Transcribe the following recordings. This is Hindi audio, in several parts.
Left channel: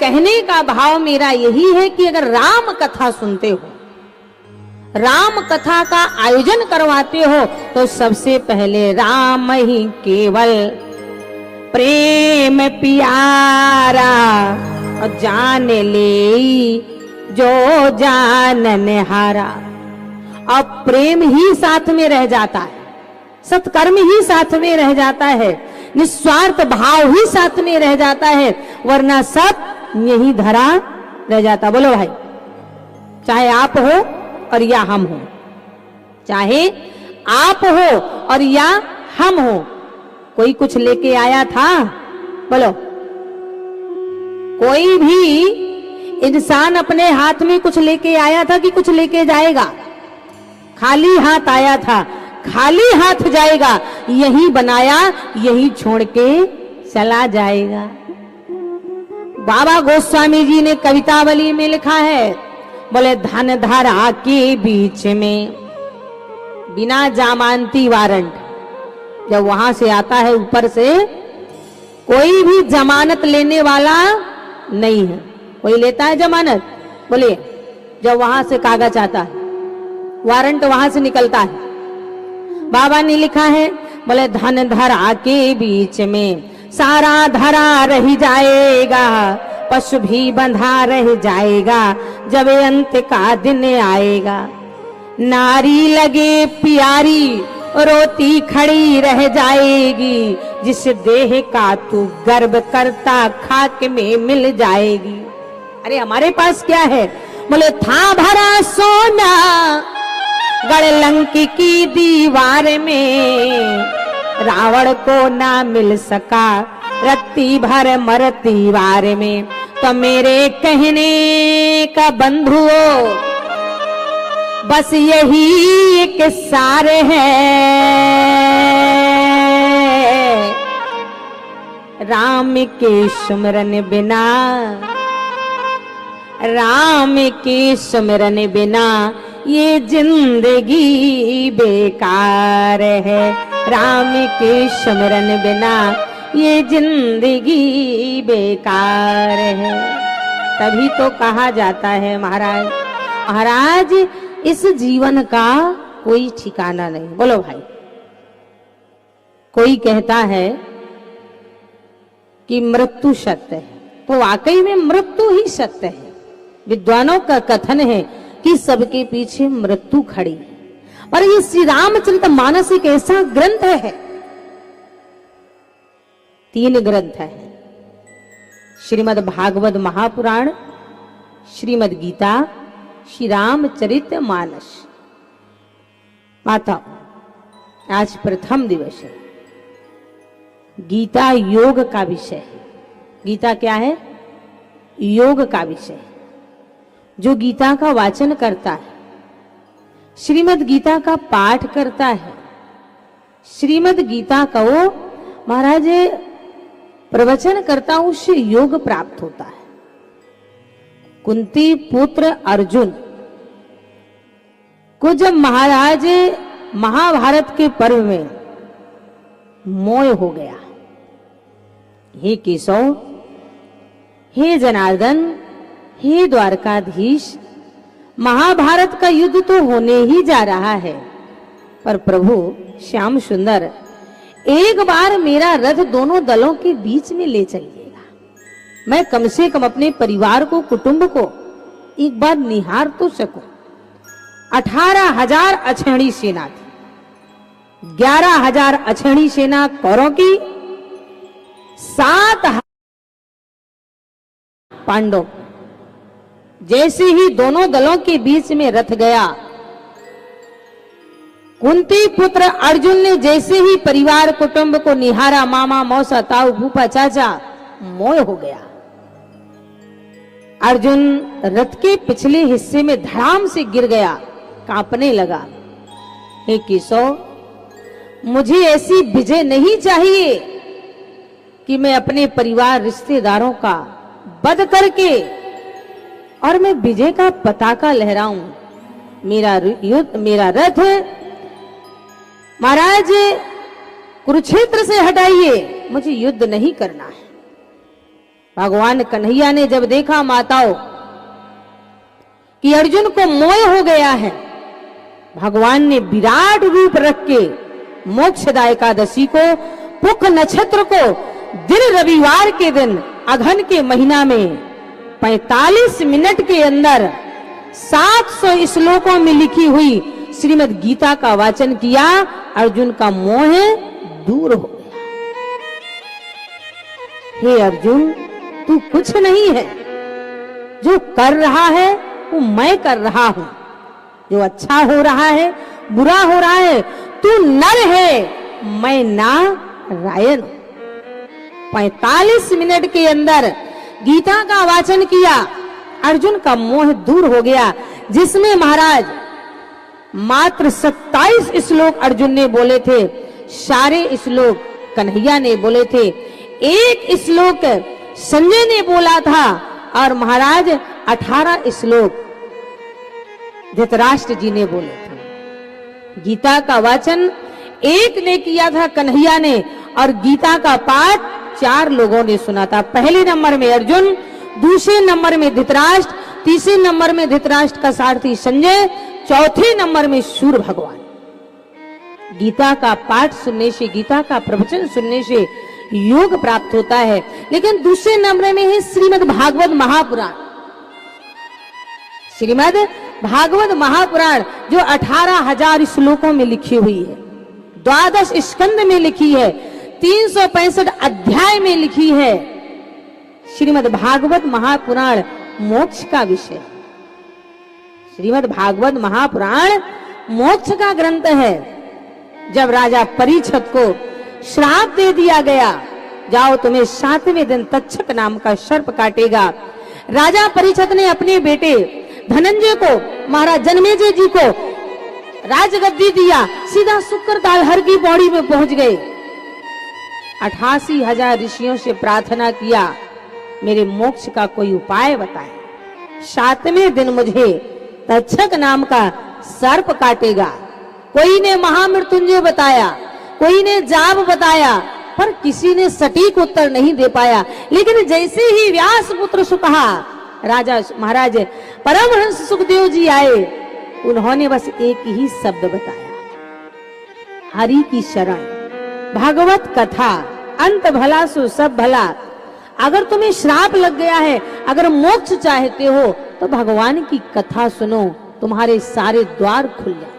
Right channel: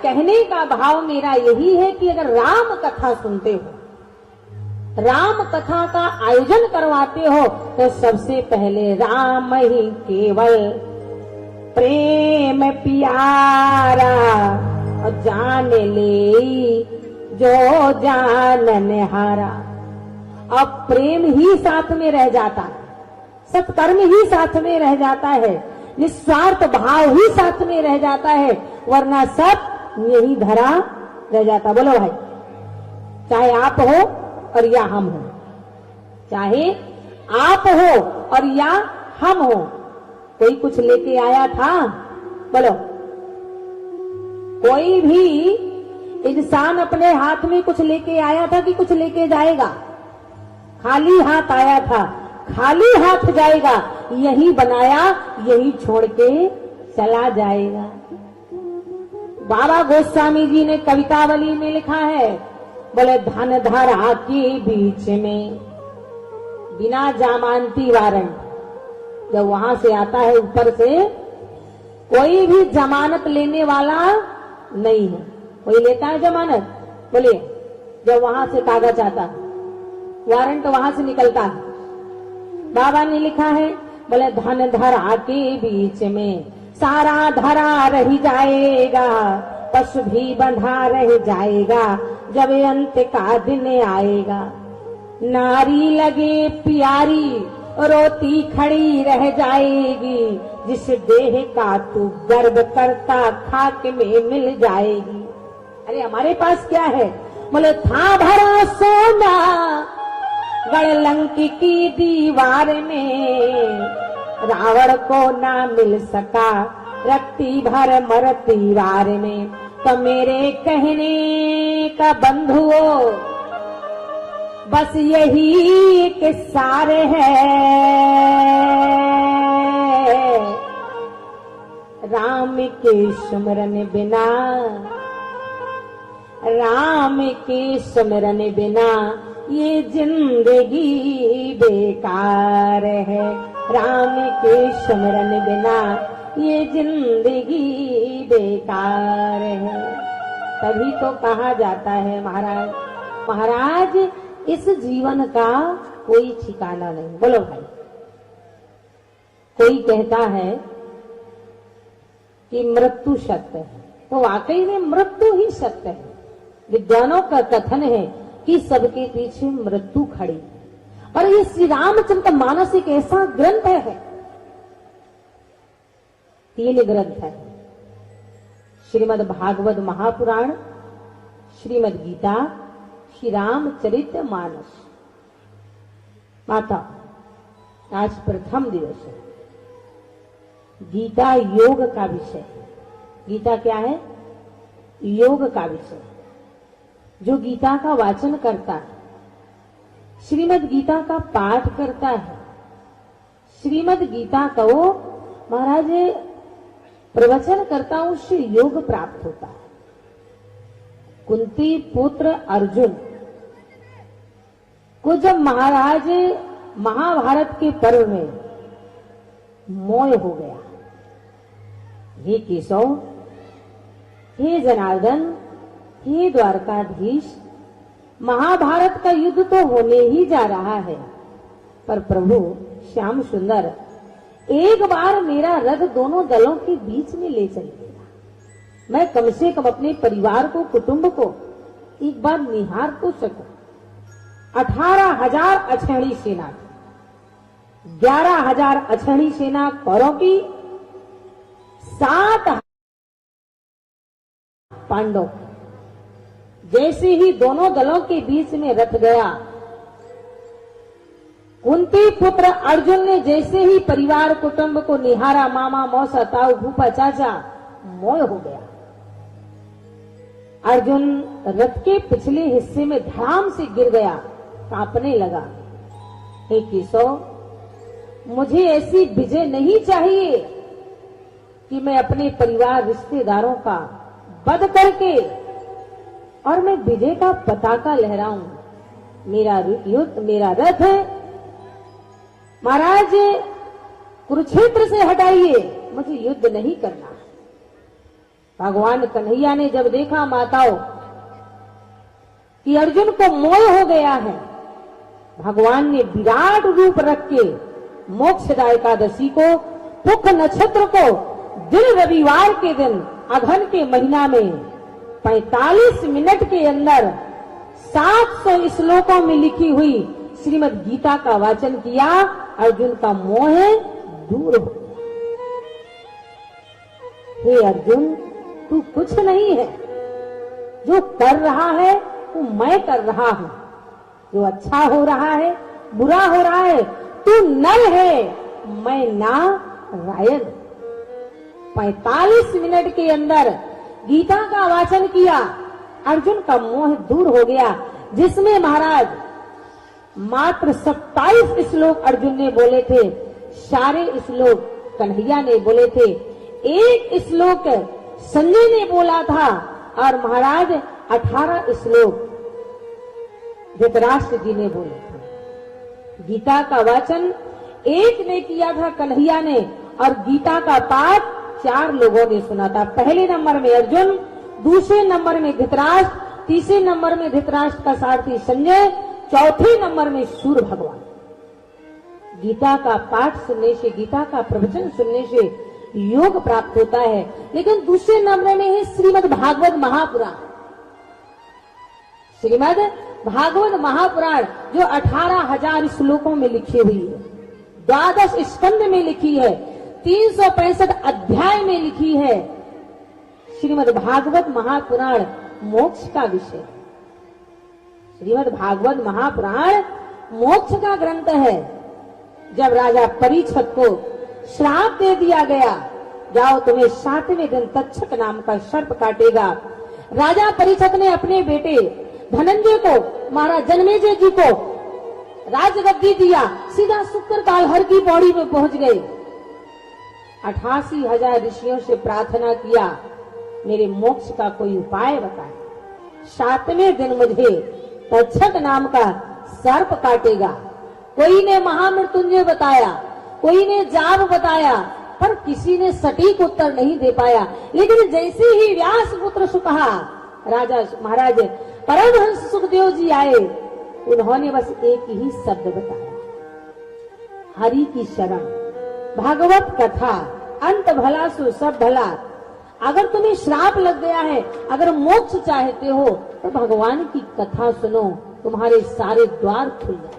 कहने का भाव मेरा यही है कि अगर राम कथा सुनते हो, राम कथा का आयोजन करवाते हो, तो सबसे पहले राम ही केवल प्रेम प्यारा, और जान ले जो जानन हारा। अब प्रेम ही साथ में रह जाता है, सत्कर्म ही साथ में रह जाता है, निस्वार्थ भाव ही साथ में रह जाता है, वरना सब यही धरा रह जाता। बोलो भाई, चाहे आप हो और या हम हो, चाहे आप हो और या हम हो। कोई कुछ लेके आया था? बोलो, कोई भी इंसान अपने हाथ में कुछ लेके आया था कि कुछ लेके जाएगा? खाली हाथ आया था, खाली हाथ जाएगा। यही बनाया, यही छोड़ के चला जाएगा। बाबा गोस्वामी जी ने कवितावली में लिखा है, बोले धन धारा के बीच में बिना जमानती वारंट, जब वहां से आता है ऊपर से, कोई भी जमानत लेने वाला नहीं है। कोई लेता है जमानत? बोलिए, जब वहां से कागज आता है, वारंट वहां से निकलता है। बाबा ने लिखा है, बोले धन धरा के बीच में सारा धरा रह जाएगा, पशु भी बंधा रह जाएगा, जब अंत का दिन आएगा। नारी लगे प्यारी रोती खड़ी रह जाएगी, जिस देह का तू गर्व करता खाक में मिल जाएगी। अरे हमारे पास क्या है? बोले था भरा सोना गढ़ लंकी की दीवार में, रावण को ना मिल सका रत्ती भर मरती वार में। तो मेरे कहने का बंधुओं बस यही एक सार है, राम के सुमिरन बिना, राम के सुमिरन बिना ये जिंदगी बेकार है, राम के सुमिरन बिना ये जिंदगी बेकार है। तभी तो कहा जाता है महाराज, महाराज इस जीवन का कोई ठिकाना नहीं। बोलो भाई, कोई कहता है कि मृत्यु सत्य है, तो वाकई में मृत्यु ही सत्य है। विद्वानों का कथन है कि सबके पीछे मृत्यु खड़ी है। और ये श्री रामचरितमानस एक ऐसा ग्रंथ है, 3 ग्रंथ है, श्रीमद् भागवत महापुराण, श्रीमद् गीता, श्री रामचरितमानस। माता, आज प्रथम दिवस है, गीता योग का विषय है। गीता क्या है? योग का विषय। जो गीता का वाचन करता है, श्रीमद् गीता का पाठ करता है, श्रीमद् गीता का वो महाराज प्रवचन करता, उससे योग प्राप्त होता है। कुंती पुत्र अर्जुन को जब महाराज महाभारत के पर्व में मोह हो गया, हे केशव, हे जनार्दन, हे द्वारकाधीश, महाभारत का युद्ध तो होने ही जा रहा है, पर प्रभु श्याम सुंदर एक बार मेरा रथ दोनों दलों के बीच में ले चलिएगा। मैं कम से कम अपने परिवार को, कुटुंब को एक बार निहार तो सकूं। 18,000 अछेणी सेना थी, 11,000 अछेणी सेना कौरव की, 7 पांडव। जैसे ही दोनों दलों के बीच में रथ गया, कुंती पुत्र अर्जुन ने जैसे ही परिवार कुटुंब को निहारा, मामा मौसा ताऊ फूफा चाचा, मोह हो गया। अर्जुन रथ के पिछले हिस्से में धड़ाम से गिर गया, कांपने लगा। हे केशव, मुझे ऐसी विजय नहीं चाहिए कि मैं अपने परिवार रिश्तेदारों का वध करके और मैं विजय का पताका लहराऊं। मेरा युद्ध, मेरा रथ महाराज कुरुक्षेत्र से हटाइए, मुझे युद्ध नहीं करना है। भगवान कन्हैया ने जब देखा माताओं कि अर्जुन को मोह हो गया है, भगवान ने विराट रूप रख के मोक्षदा एकादशी को पुख नक्षत्र को दिन रविवार के दिन अघन के महीना में 45 मिनट के अंदर 700 श्लोकों में लिखी हुई श्रीमद् गीता का वाचन किया। अर्जुन का मोह दूर हो गया। हे अर्जुन, तू कुछ नहीं है, जो कर रहा है वो मैं कर रहा हूं, जो अच्छा हो रहा है बुरा हो रहा है, तू नर है मैं नारायण। 45 मिनट के अंदर गीता का वाचन किया, अर्जुन का मोह दूर हो गया। जिसमें महाराज मात्र 27 श्लोक अर्जुन ने बोले थे, सारे श्लोक कन्हैया ने बोले थे, एक श्लोक संजय ने बोला था और महाराज 18 श्लोक धृतराष्ट्र जी ने बोले थे। गीता का वाचन एक ने किया था कन्हैया ने और गीता का पाठ 4 लोगों ने सुना था। पहले नंबर में अर्जुन, दूसरे नंबर में धृतराष्ट्र, तीसरे नंबर में धृतराष्ट्र का सारथी संजय, चौथे नंबर में सूर्य भगवान। गीता का पाठ सुनने से, गीता का प्रवचन सुनने से योग प्राप्त होता है। लेकिन दूसरे नंबर में है श्रीमद् भागवत महापुराण। श्रीमद् भागवत महापुराण जो 18,000 श्लोकों में लिखी हुई है, 12 स्कंद में लिखी है, 365 अध्याय में लिखी है। श्रीमद् भागवत महापुराण मोक्ष का विषय। श्रीमद् भागवत महापुराण मोक्ष का ग्रंथ है। जब राजा परीक्षित को श्राप दे दिया गया, जाओ तुम्हें 7वें दिन तक्षक नाम का सर्प काटेगा, राजा परीक्षित ने अपने बेटे धनंजय को, महाराज जनमेजय जी को राजगद्दी दिया, सीधा शुक्रताल हर की पौड़ी में पहुंच गए। 88,000 ऋषियों से प्रार्थना किया, मेरे मोक्ष का कोई उपाय बताए। 7वें दिन मुझे तक्षक नाम का सर्प काटेगा। कोई ने महामृत्युंजय बताया, कोई ने जाप बताया, पर किसी ने सटीक उत्तर नहीं दे पाया। लेकिन जैसे ही व्यास पुत्र सुकहा, राजा महाराज परमहंस सुखदेव जी आए, उन्होंने बस एक ही शब्द बताया, हरि की शरण, भागवत कथा, अंत भला सो सब भला। अगर तुम्हें श्राप लग गया है, अगर मोक्ष चाहते हो तो भगवान की कथा सुनो, तुम्हारे सारे द्वार खुल जाए,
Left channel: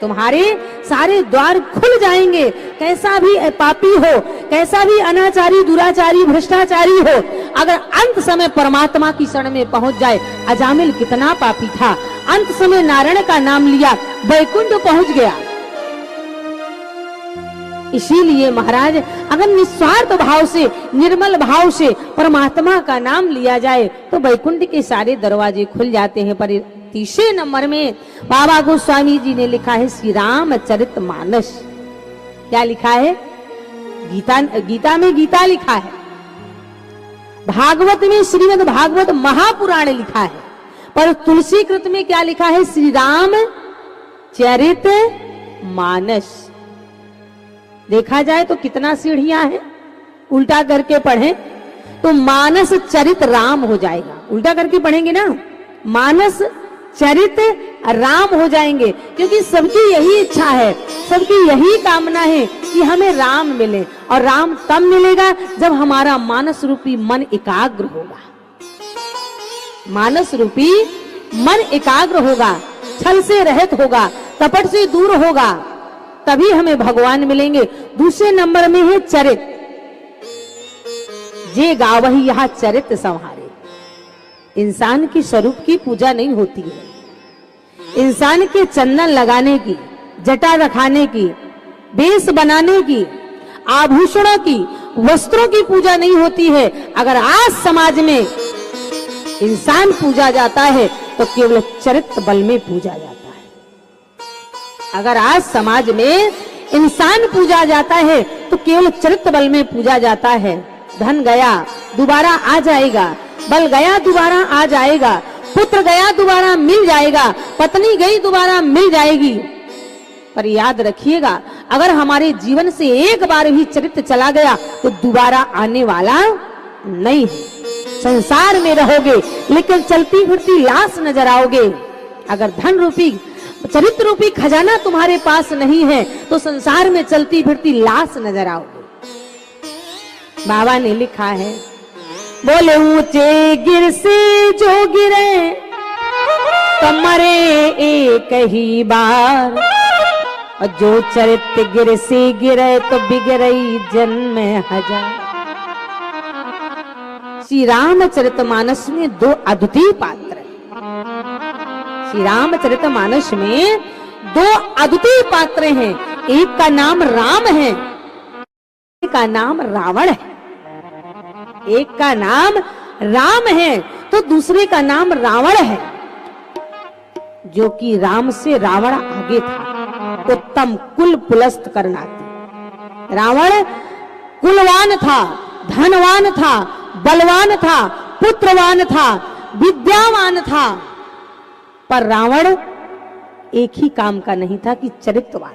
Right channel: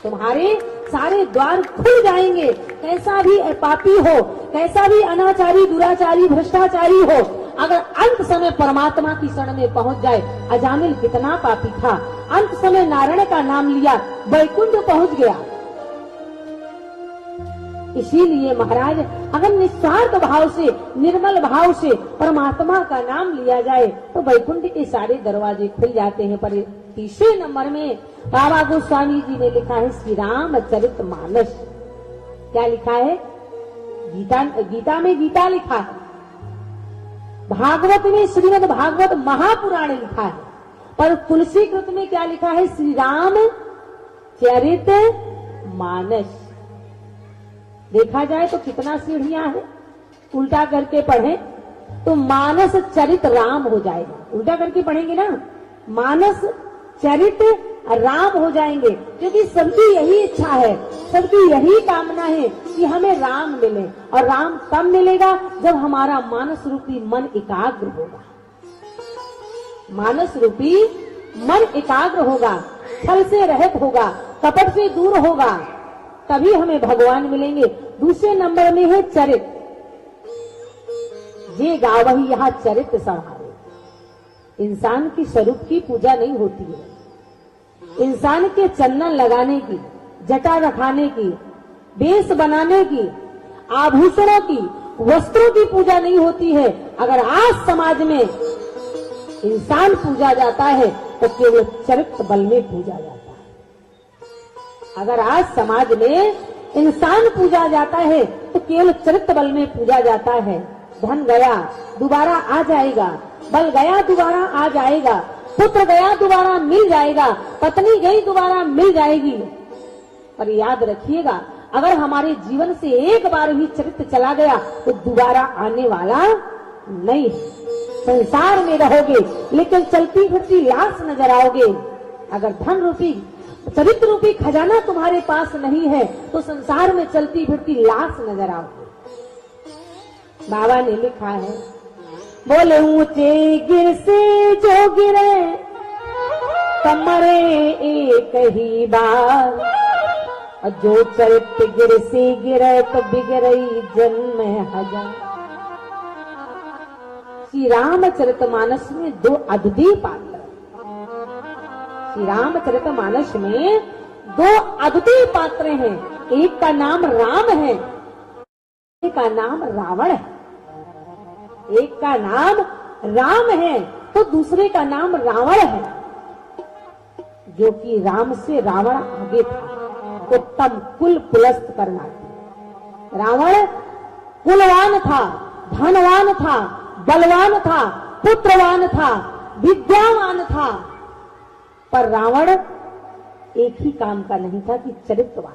तुम्हारे सारे द्वार खुल जाएंगे। कैसा भी पापी हो, कैसा भी अनाचारी, दुराचारी, भ्रष्टाचारी हो, अगर अंत समय परमात्मा की शरण में पहुंच जाए। अजामिल कितना पापी था, अंत समय नारायण का नाम लिया, वैकुंठ पहुंच गया। इसीलिए महाराज अगर निस्वार्थ भाव से, निर्मल भाव से परमात्मा का नाम लिया जाए तो वैकुंठ के सारे दरवाजे खुल जाते हैं। पर तीसरे नंबर में बाबा गोस्वामी जी ने लिखा है श्री रामचरितमानस। क्या लिखा है? गीता में गीता लिखा है, भागवत में श्रीमद् भागवत महापुराण लिखा है, पर तुलसी कृत में क्या लिखा है? श्री रामचरितमानस। देखा जाए तो कितना सीढ़ियां हैं, उल्टा करके पढ़ें तो मानस चरित राम हो जाएगा। उल्टा करके पढ़ेंगे ना, मानस चरित राम हो जाएंगे, क्योंकि सबकी यही इच्छा है, सबकी यही कामना है कि हमें राम मिले। और राम तब मिलेगा जब हमारा मानस रूपी मन एकाग्र होगा। मानस रूपी मन एकाग्र होगा, छल से रहित होगा, कपट से दूर होगा, तभी हमें भगवान मिलेंगे। दूसरे नंबर में है चरित। जे गावही यह चरित संहारे। इंसान की स्वरूप की पूजा नहीं होती है, इंसान के चंदन लगाने की, जटा रखाने की, बेस बनाने की, आभूषणों की, वस्त्रों की पूजा नहीं होती है। अगर आज समाज में इंसान पूजा जाता है तो केवल चरित्र बल में पूजा जाता है। अगर आज समाज में इंसान पूजा जाता है तो केवल चरित्र बल में पूजा जाता है। धन गया दोबारा आ जाएगा, बल गया दोबारा आ जाएगा, पुत्र गया दोबारा मिल जाएगा, पत्नी गई दोबारा मिल जाएगी। पर याद रखिएगा, अगर हमारे जीवन से एक बार भी चरित्र चला गया तो दोबारा आने वाला नहीं है। संसार में रहोगे लेकिन चलती फिरती लाश नजर आओगे। अगर धन रूपी चरित्र रूपी खजाना तुम्हारे पास नहीं है तो संसार में चलती फिरती लाश नजर आओगे। बाबा ने लिखा है, बोले ऊंचे गिर से जो गिरे तो मरे एक ही बार, और जो चरित्र गिर से गिरे तो बिगड़ई जन्म हजार। श्री रामचरितमानस में दो अद्वितीय पात्र हैं। श्री रामचरितमानस में दो अद्वितीय पात्र हैं। एक का नाम राम है, एक का नाम रावण है। एक का नाम राम है तो दूसरे का नाम रावण है, जो कि राम से रावण आगे था। उत्तम कुल पुलस्त करना था। रावण कुलवान था, धनवान था, बलवान था, पुत्रवान था, विद्यावान था, पर रावण एक ही काम का नहीं था कि चरित्रवान।